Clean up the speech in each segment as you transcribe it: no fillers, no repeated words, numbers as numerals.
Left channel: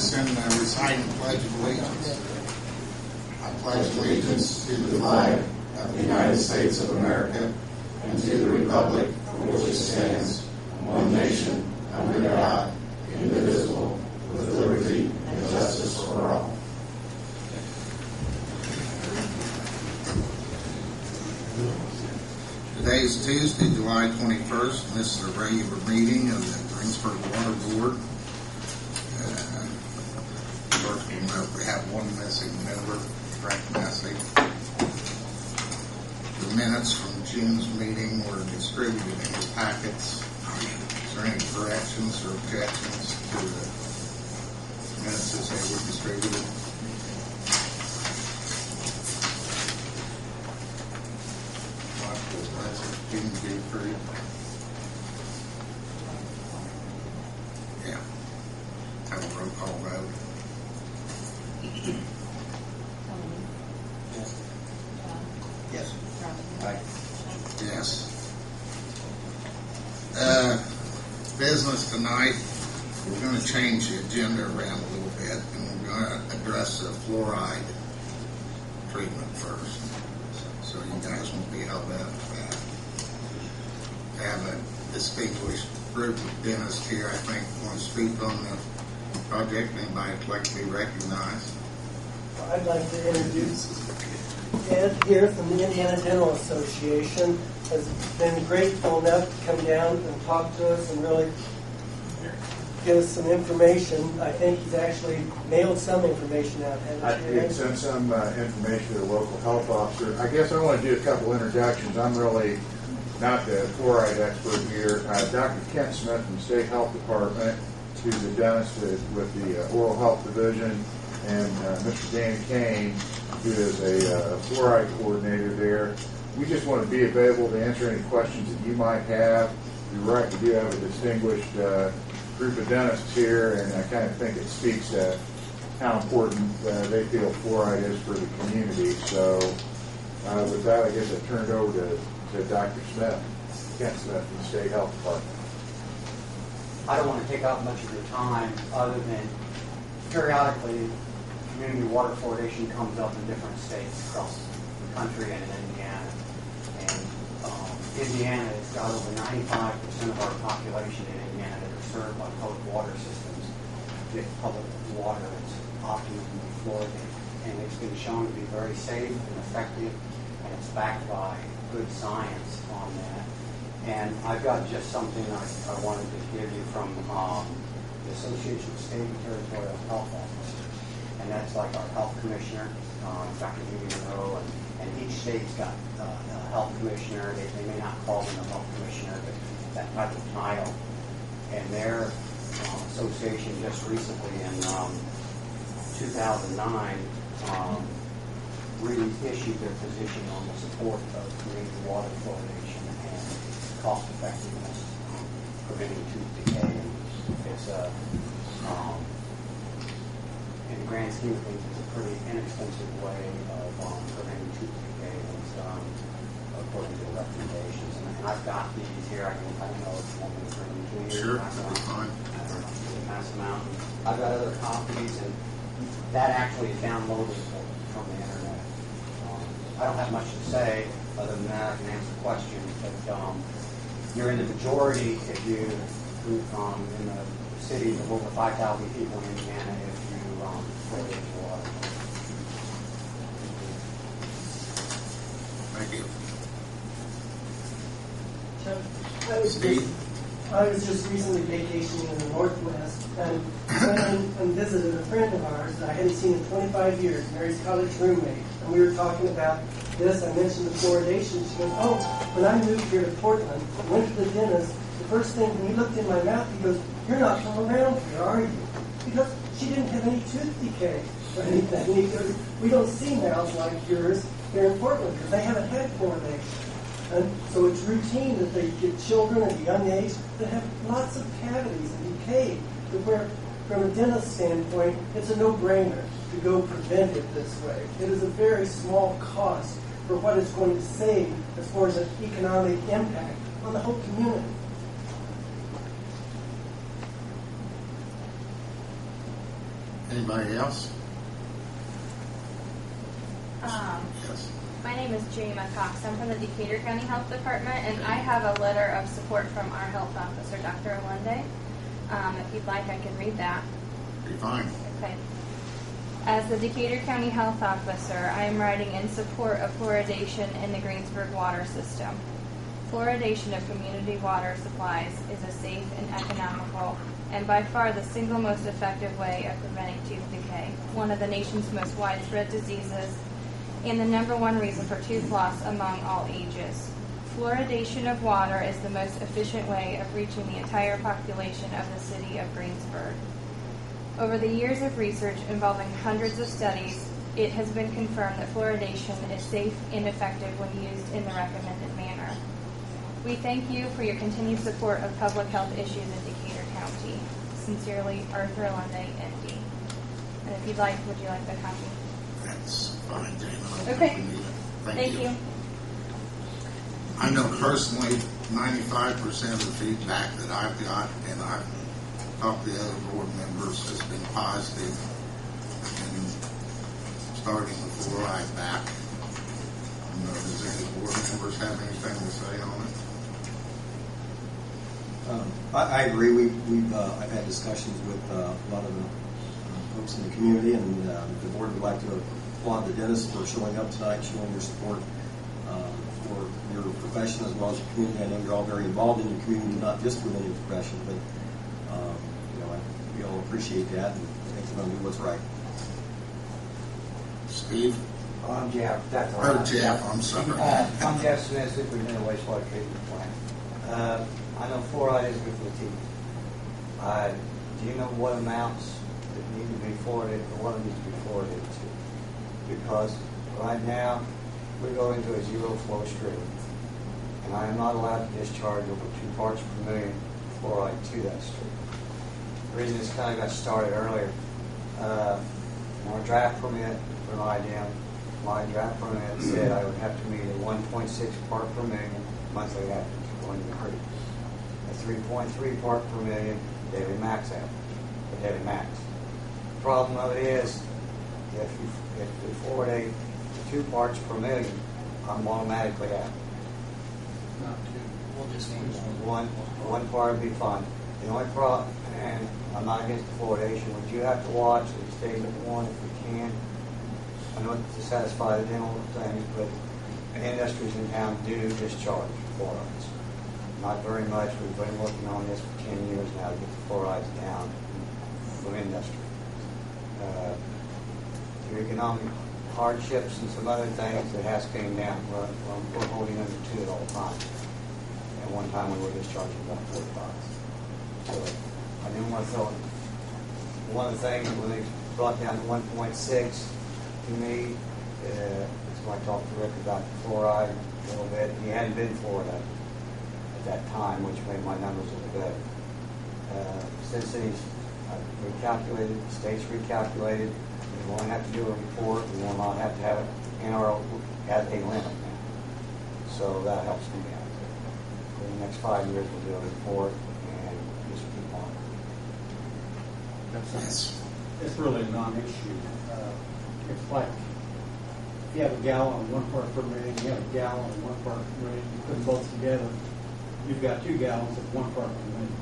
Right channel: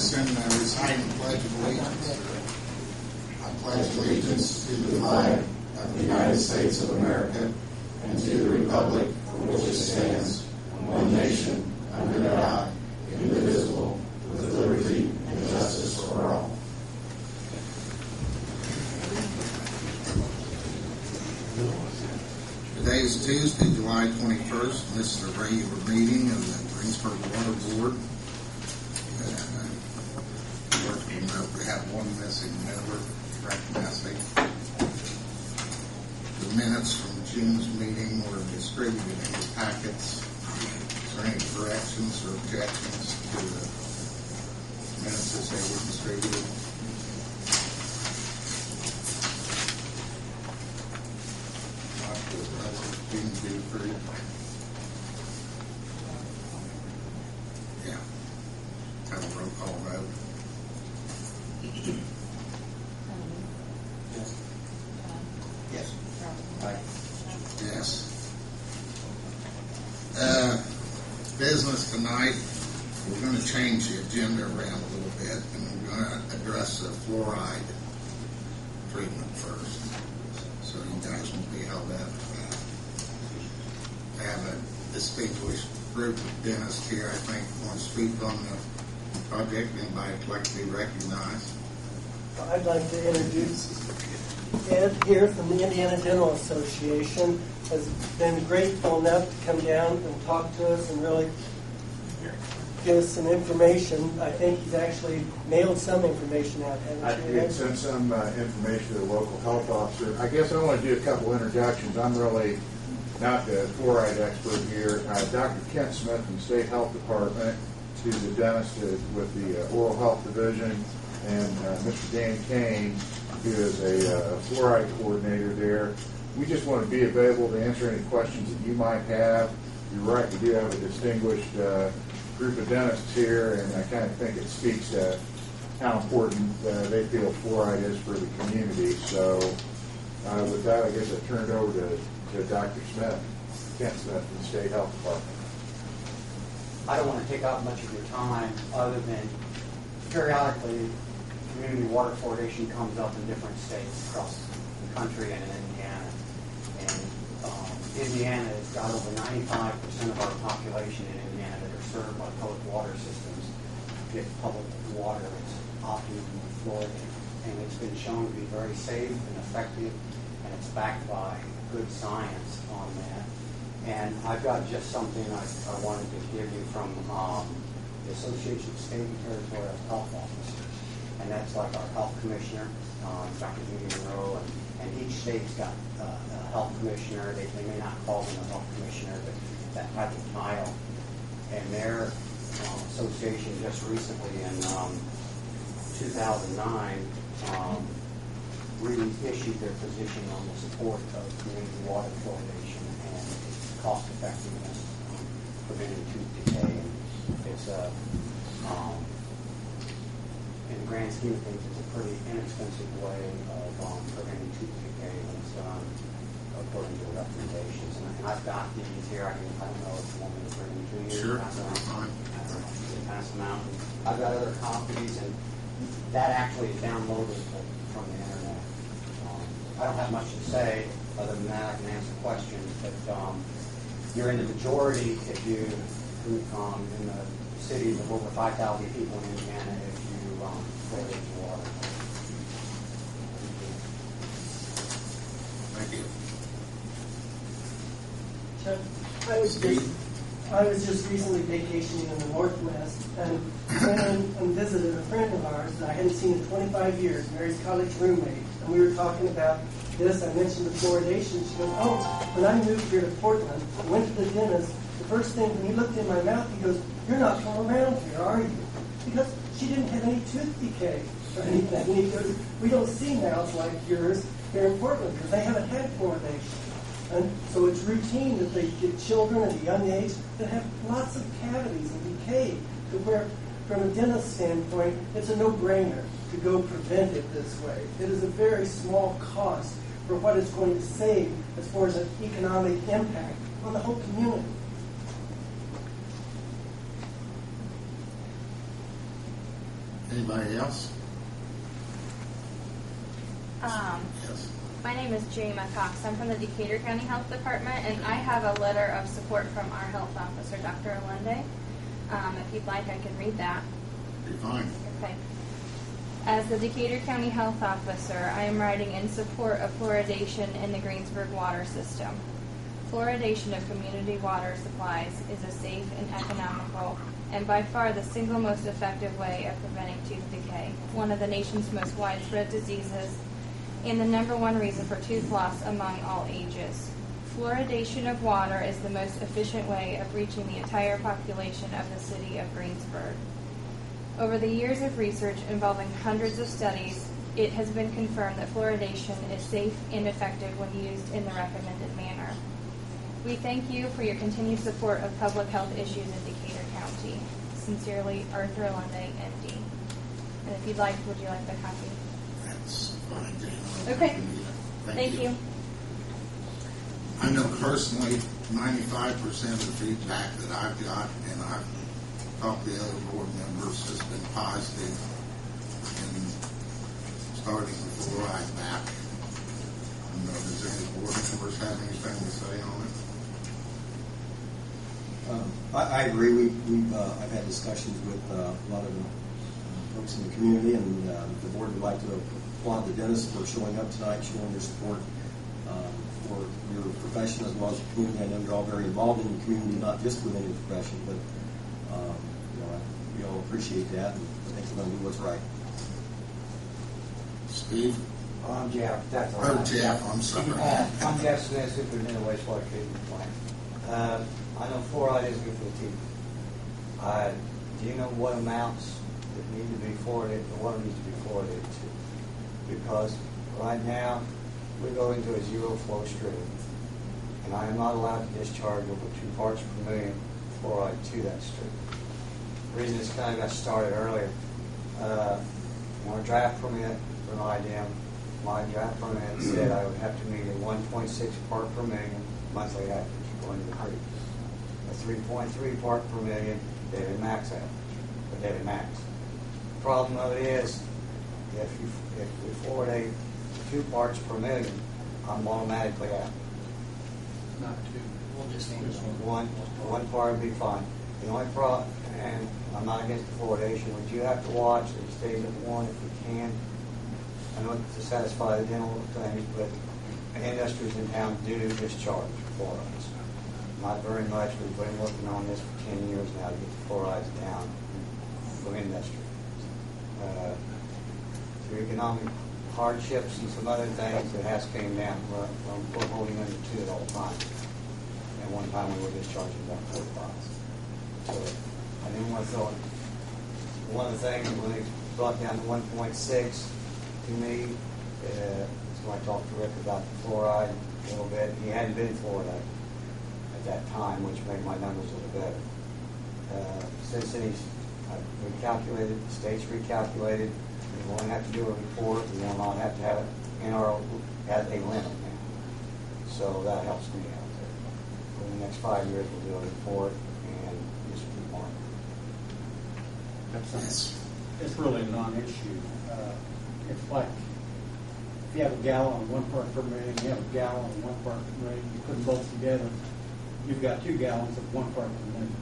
us in reciting the Pledge of Allegiance. I pledge allegiance to the flag of the United States of America and to the republic for which it stands, one nation, under God, indivisible, with liberty and justice for all. Today is Tuesday, July 21st, and this is a regular meeting of the Greensburg Water Board. First, we note we have one missing member, Frank Massey. The minutes from June's meeting were distributed in your packets. Is there any corrections or objections to the minutes as they were distributed? Yeah. Have a roll call vote. Yes. Aye. Yes. Business tonight, we're going to change the agenda around a little bit, and we're going to address the fluoride treatment first. So you guys won't be held up for that. I have a distinguished group of dentists here, I think, want to speak on the project. Anybody would like to be recognized? I'd like to introduce Ed here from the Indiana Dental Association. Has been grateful enough to come down and talk to us and really give us some information. I think he's actually mailed some information out. I did send some information to the local health officer. I guess I want to do a couple introductions. I'm really not the fluoride expert here. Dr. Kent Smith from the State Health Department, who's a dentist with the Oral Health Division, and Mr. Danny Kane, who is a fluoride coordinator there. We just want to be available to answer any questions that you might have. You're right, we do have a distinguished group of dentists here, and I kind of think it speaks to how important they feel fluoride is for the community. So with that, I guess I turn it over to Dr. Smith, Kent Smith from the State Health Department. I don't want to take up much of your time other than periodically community water fluoridation comes up in different states across the country and in Indiana. And Indiana has got over 95% of our population in Indiana that are served by public water systems. Get public water that's optimally fluoridated. And it's been shown to be very safe and effective, and it's backed by good science on that. And I've got just something I wanted to give you from the Association of State and Territorial Health Officers. And that's like our health commissioner, Dr. Judy Monroe, and each state's got a health commissioner. They may not call them a health commissioner, but that type of title. And their association just recently in 2009 really issued their position on the support of community water fluoridation and its cost effectiveness preventing tooth decay. And it's in the grand scheme of things, it's a pretty inexpensive way of preventing tooth decay when it's done according to the recommendations. And I've got these here. I don't know if you want me to bring them to you. Sure. Pass them out. I've got other copies, and that actually is downloaded from the internet. I don't have much to say other than that. I can answer questions, but you're in the majority if you in the cities of over 5,000 people in Indiana if you fluoridate your water. Thank you. Chuck, I was just recently vacationing in the Northwest and went and visited a friend of ours that I hadn't seen in 25 years, Mary's college roommate. And we were talking about this. I mentioned the fluoridation. She goes, oh, when I moved here to Portland, I went to the dentist. The first thing, when he looked in my mouth, he goes, you're not from around here, are you? Because she didn't have any tooth decay or anything. And he goes, we don't see mouths like yours here in Portland because they haven't had fluoridation. And so it's routine that they get children at a young age that have lots of cavities and decay, to where, from a dentist standpoint, it's a no-brainer to go preventive this way. It is a very small cost for what it's going to save as far as an economic impact on the whole community. Anybody else? Yes. My name is Jayma Cox. I'm from the Decatur County Health Department, and I have a letter of support from our health officer, Dr. Alende. If you'd like, I can read that. Be fine. Okay. As the Decatur County Health Officer, I am writing in support of fluoridation in the Greensburg water system. Fluoridation of community water supplies is a safe and economical and by far the single most effective way of preventing tooth decay, one of the nation's most widespread diseases, and the #1 reason for tooth loss among all ages. Fluoridation of water is the most efficient way of reaching the entire population of the city of Greensburg. Over the years of research involving hundreds of studies, it has been confirmed that fluoridation is safe and effective when used in the recommended manner. We thank you for your continued support of public health issues in Decatur County. Sincerely, Arthur Alende, MD. And if you'd like, would you like the copy? That's fine, Jane. Okay. Thank you. I know personally 95% of the feedback that I've got, and I've talked to the other board members, has been positive in starting the fluoride back. Does any board members have anything to say on it? I agree. I've had discussions with a lot of the folks in the community, and the board would like to applaud the dentists for showing up tonight, showing your support for your profession as well as your community. I know you're all very involved in your community, not just within your profession, but we all appreciate that, and I think we're going to do what's right. Steve? I'm Jeff. That's all Oh, right. Jeff, I'm sorry. I'm Jeff Smith, superintendent of wastewater treatment plant. I know fluoride is good for the teeth. Do you know what amounts that need to be fluoridated, the water needs to be fluoridated to? Because right now, we go into a zero flow stream, and I am not allowed to discharge over 2 parts per million fluoride to that stream. The reason this kind of got started earlier, in our draft permit for an IDM, my draft permit said I would have to meet a 1.6 part per million monthly average going to the creek, a 3.3 part per million daily max average, or daily max. The problem of it is, if we fluoridate to 2 parts per million, I'm automatically out. Not two. We'll just need One part would be fine. The only problem, and I'm not against the fluoridation, but you have to watch that it stays at 1 if we can. I know it's to satisfy the dental things, but industries in town do discharge fluorides. Not very much. We've been working on this for 10 years now to get the fluorides down from industry. Through economic hardships and some other things, it has came down. We're holding under 2 at all times. At one time we were discharging about 45. So I didn't want to throw it. One of the things when they brought down to 1.6 to me, is when I talked to Rick about the fluoride a little bit. He hadn't been fluoridated at that time, which made my numbers a little better. Since then he's recalculated, the state's recalculated. We won't have to do a report. We will not have to have it in our as a limit now. So that helps me out there. For the next 5 years, we'll do a report and just keep on. It's really a non-issue. It's like if you have a gallon of 1 part per million, you have a gallon of 1 part per million, you put them both together, you've got 2 gallons of 1 part per million.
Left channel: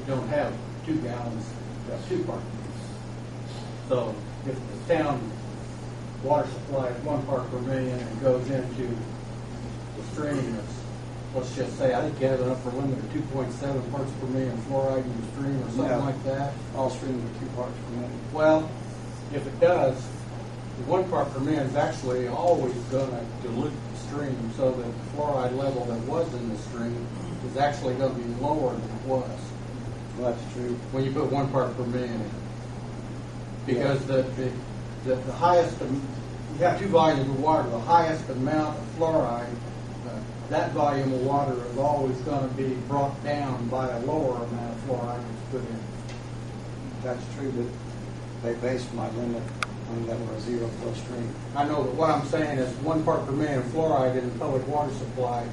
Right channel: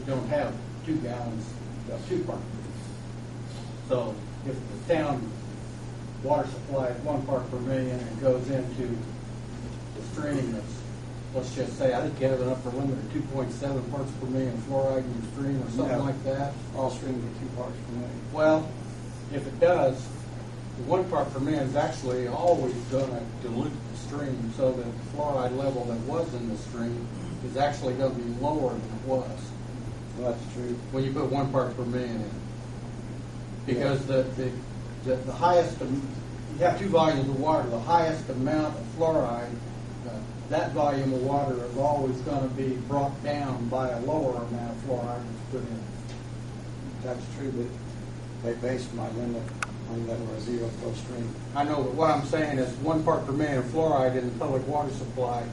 You don't have 2 gallons of 2 part per million. So if the town water supply is 1 part per million and goes into the stream that's, let's just say, I think you have an upper limit of 2.7 parts per million fluoride in your stream or something like that. All streams are 2 parts per million. Well, if it does, the 1 part per million is actually always going to dilute the stream so that the fluoride level that was in the stream is actually going to be lower than it was. Well, that's true. When you put 1 part per million in. Because the highest, you have 2 volumes of water, the highest amount of fluoride, that volume of water is always going to be brought down by a lower amount of fluoride that's put in. That's true, but they based my limit on that we're a zero flow stream. I know, but what I'm saying is 1 part per million of fluoride in the public water supply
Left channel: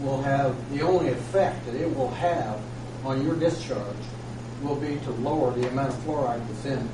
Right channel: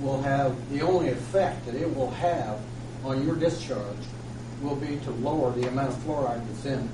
will have, the only effect that it will have on your discharge will be to lower the amount of fluoride that's in it.